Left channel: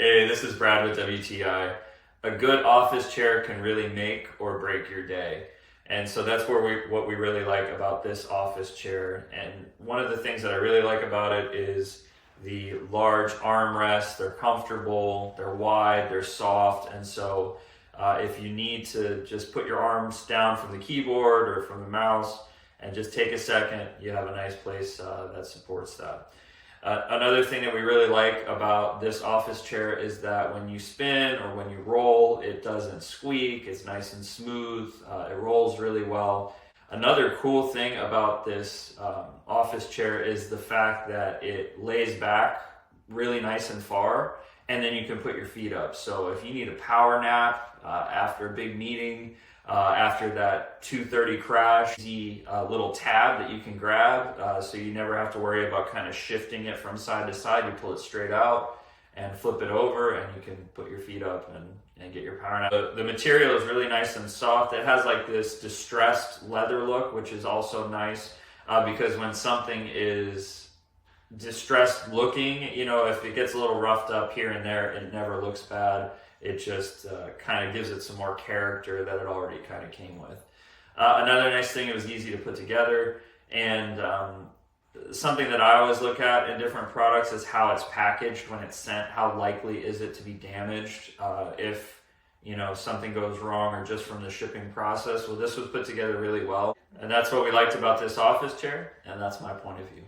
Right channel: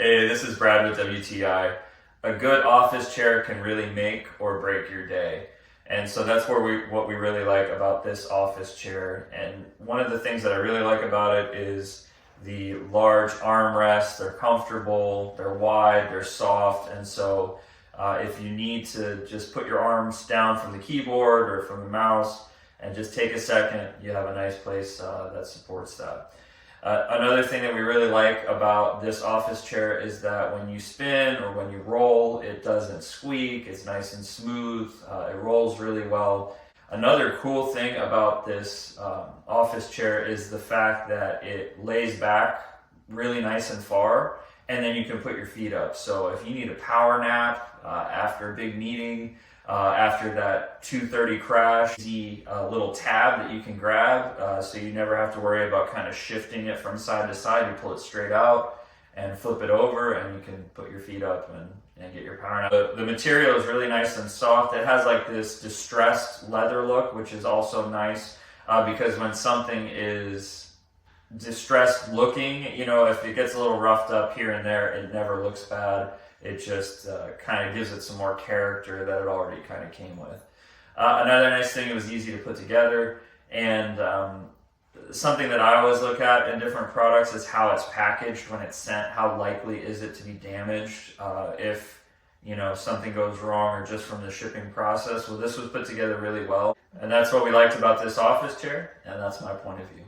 Hey, this is Brad with WTI. A good office chair can really make or break your day. And so that's what we really like about this office chair. And one of the things that I really like about it is the large armrests. They're comfortable, they're wide, they're soft. And so if you need to just put your arms down from the keyboard or from the mouse and just take a second, you have a nice place that supports that. Another thing that we really like about this office chair is that when you spin or when you roll, it doesn't squeak. It's nice and smooth. It rolls really well. Another cool thing about this office chair is the fact that it lays back really nice and far, and then you can put your feet up. So if you need a power nap after a big meeting, after that 2:30 crash, easy little tab that you can grab, so you never have to worry about kind of shifting it from side to side. You pull it straight out and flip it over, and you can put your feet up and get your power nap. The material is really nice and soft. It has like this distressed leather look, which is also nice because when something is distressed looking, if it gets a little roughed up here and there, it never looks bad. It just kind of gives it some more character that it already kind of came with. Another nice thing, it was easy to put together, and something that I always look at in different products is how it's packaged when it's sent. How likely is it to be damaged if something goes wrong or just from the shipping process? Well, this was put together really well, and that's what we liked about this office chair, and that's my point of view.